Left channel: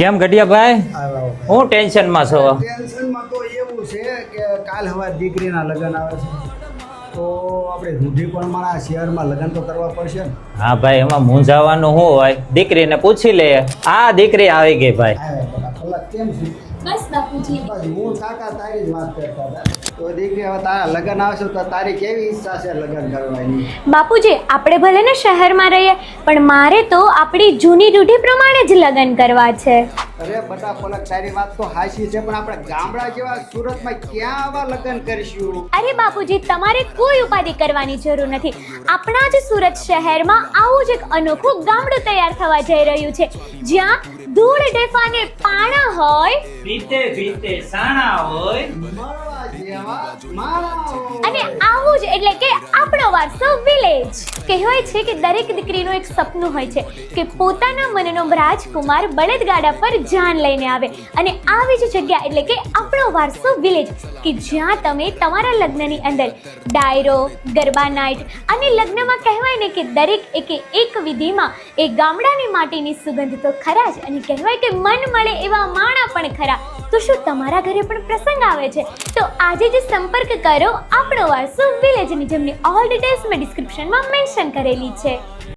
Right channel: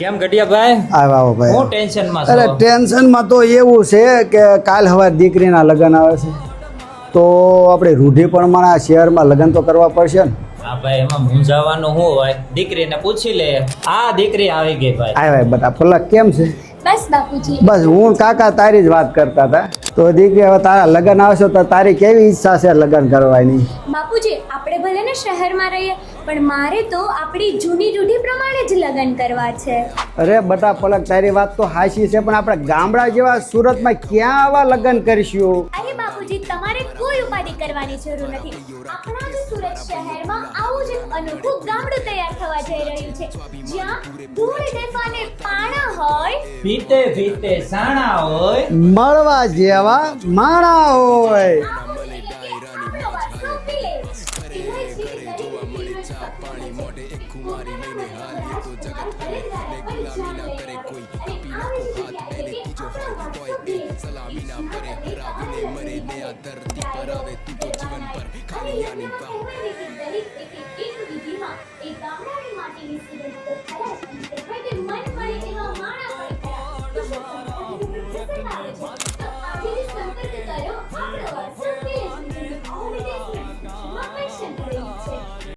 કેમ ગઢિયાભાઈ? આવો ભાઈ. હું ટેન્શનમાં અરે છો? ટેન્શનમાં તો એવું છે કે કાલ હવે દીકરીના લગ્ન આવે છે તો આપણે રૂઢિ પ્રમાણે આ શહેરમાં લગ્ન તો કરવા પડશે ને. હા ભાઈ, એમાં મૂંઝાવાનું શું હોય? દીકરીને પૂછી લે. આ દીકરી આવી ગઈ ભાઈ. આવ્યા બધા પલક કેમ છે? બસ બાપુજી. બસ હું કાકા તારી જ વાત કરતા હતા. તો દીકરી હવે તારા લગ્ન આવશે તો તારી કેવી ઈચ્છા છે લગ્ન કરવાની? બાપુજી, આપણે ભલે ને શહેરમાં રહીએ પણ મારે તો આપણી જૂની રૂઢિ પ્રમાણે જ લગ્ન કરવા છે. અરે બટા પલક તારી વાત તો હાચી છે પણ આપણે ગામડા જેવા સુરતમાં ક્યાં આવા લગ્ન કરીશું? અરે બાપુજી, તમારે કોઈ ઉપાધિ કરવાની જરૂર નથી. આપણા જ સુરત શહેરમાં આવું જ એક અનોખું ગામડું તૈયાર થવા જઈ રહ્યું છે, જ્યાં ધૂળ ઢેફાને પાણા હોય, પીતે પીતે સાણા હોય, મળવા જેવા માણા અને હોય. આવું જ એટલે કે આપણો વારસો વિલેજ. કહેવાય છે કે દરેક દીકરીનું એક સપનું હોય છે કે પોતાના મનનો રાજકુમાર બળદગાડા પર જાન લઈને આવે, અને આવી જ જગ્યા એટલે કે આપણો વારસો વિલેજ, કે જ્યાં તમે તમારા લગ્નની અંદર ડાયરો, ગરબા નાઇટ અને લગ્નમાં કહેવાય ને કે દરેક એક વિધિમાં એ ગામડાની માટીની સુગંધ તો ખરા જ, અને કહેવાય કે મન મળે એવા માણા પણ ખરા. તો શું તમારા ઘરે પણ પ્રસંગ આવે છે? તો આજે જ સંપર્ક કરો આપણો વારસો વિલેજની, જેમની ઓલ ડિટેલ્સ મેં ડિસ્ક્રિપ્શનમાં મેન્શન કરેલી છે.